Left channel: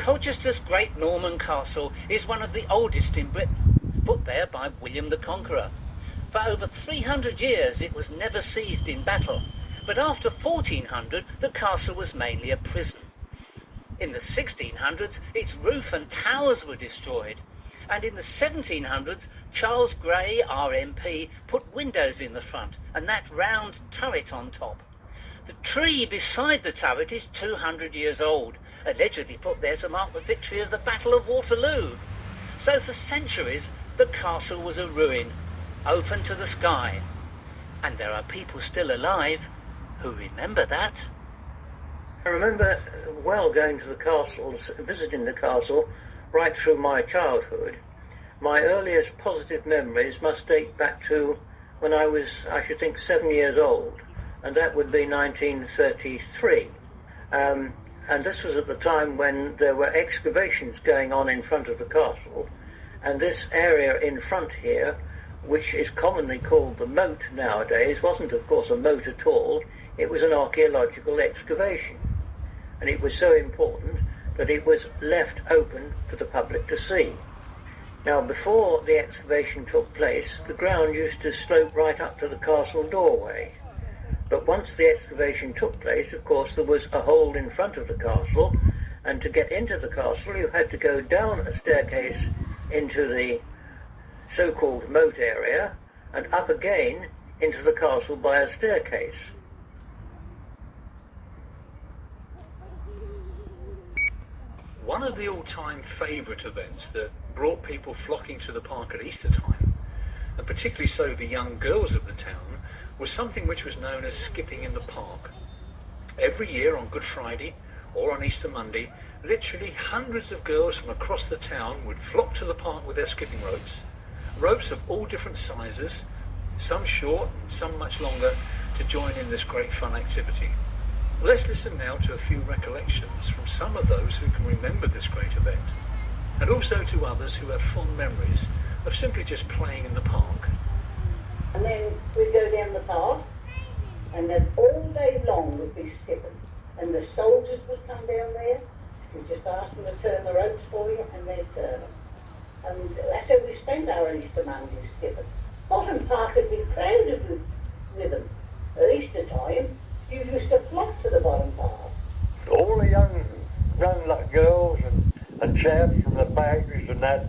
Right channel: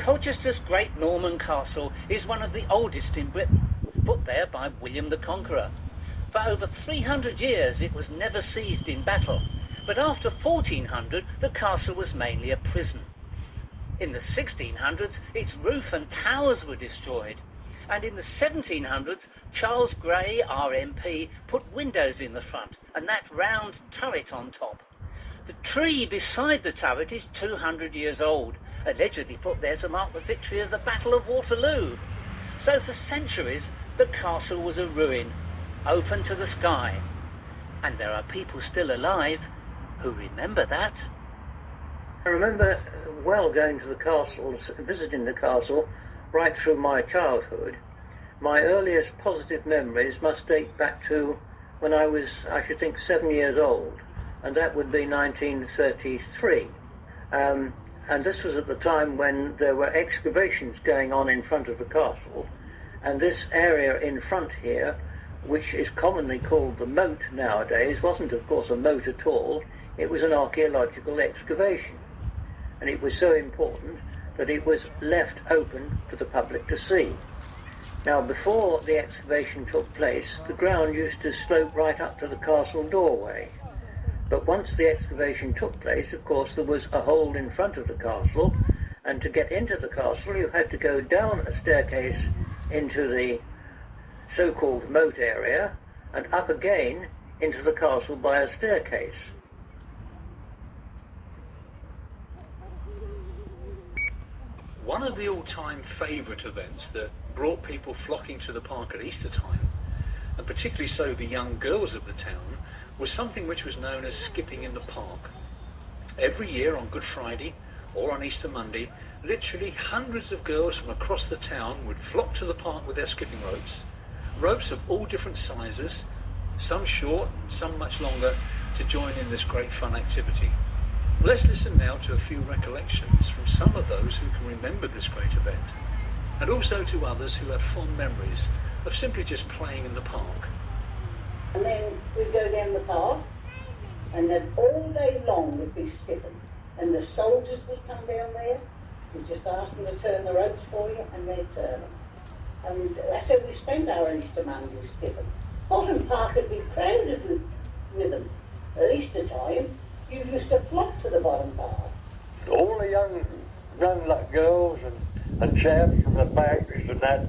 Colchester's great Norman castle is one of the oldest in Britain, put there by William the Conqueror. For over 300 years it was never seized in battle, but after 1400 the castle was mainly a prison. In the 1600s its roof and towers were destroyed, and in the 1700s Charles Grey, RMP, put windows in the front and that round turret on top. The tree beside the turret is 200 years old, allegedly put there to mark the victory of the Battle of Waterloo. So for centuries the castle was a ruin, open to the sky. And there are people still alive who remember that. I remember well going to the castle, visiting the castle right through my childhood. My earliest positive memories must date back to when I was, I should think, 7 years old, and that would be 1933. And this was at the time when there were excavations going on in front of the castle, and this area in front here, which is commonly called the moat nowadays, wasn't of course a moat at all. It was an archaeological excavation, and it was so important that it was left open for the public to see. Now, before the excavation took place, the ground used to slope right up to the castle doorway. But once the excavation took place, of course, there was a hole in front of the castle, and to get into the castle you had to go down a staircase into the so-called moat area and up again into the castle by a staircase. One of the all-time favourite events that brought people flocking to the park at Easter time, and particularly so the young girls of the town, was something which was known as skipping in the park. Every year on Good Friday or on Easter Monday, literally hundreds of girls from across the town would flock to the park with their skipping ropes of all different sizes, some short, some much longer, to join in this great fun activity. Let's listen now to a few recollections from some of those who can remember this great event, and also to others who have fond memories of simply just playing in the park. And then we'd go down the path, and then all day long we'd be skipping, and the soldiers would come down there. We'd just ask them to turn the ropes for you, and they'd turn them. And that's how we spent our Easter Mondays skipping. Bottom Park would be crowded with them. At Easter time, you used to flock to the Bottom Park. All the young girls and chaps and the factories and that